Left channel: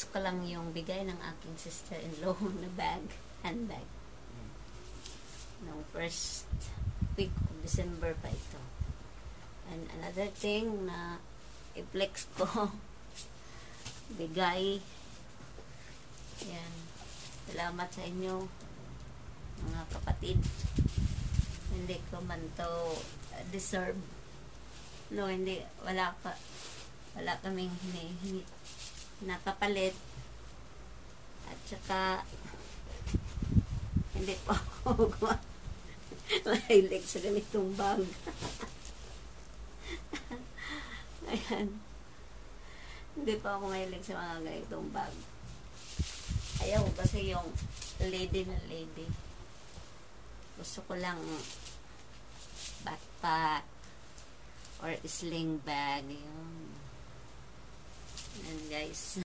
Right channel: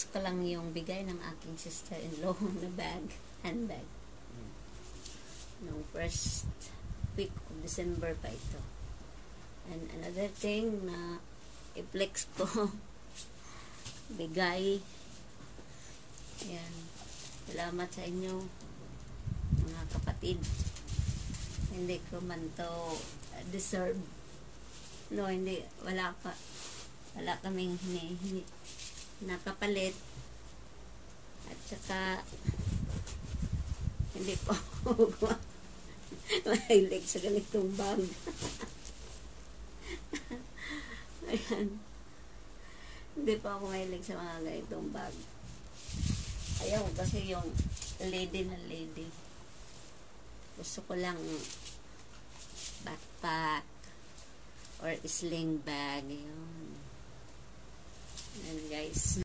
i-flex ko lang yung bigay ng aking sister-in-law na bag, handbag. Noong first week of December pa ito. And another thing na i-flex ko, bigay. Yan. Salamat sa inyo, mga kapatid. Hindi ko man to deserve. No, hindi. Wala kaming nakapalit. At saka hindi po ako mahilig sa ganitong bag. Ayan. Hindi pa ako mahilig sa mga ganitong bag. Ayaw kasi yung lady na lady. Gusto ko lang backpack or sling bag. Yun. Yan guys.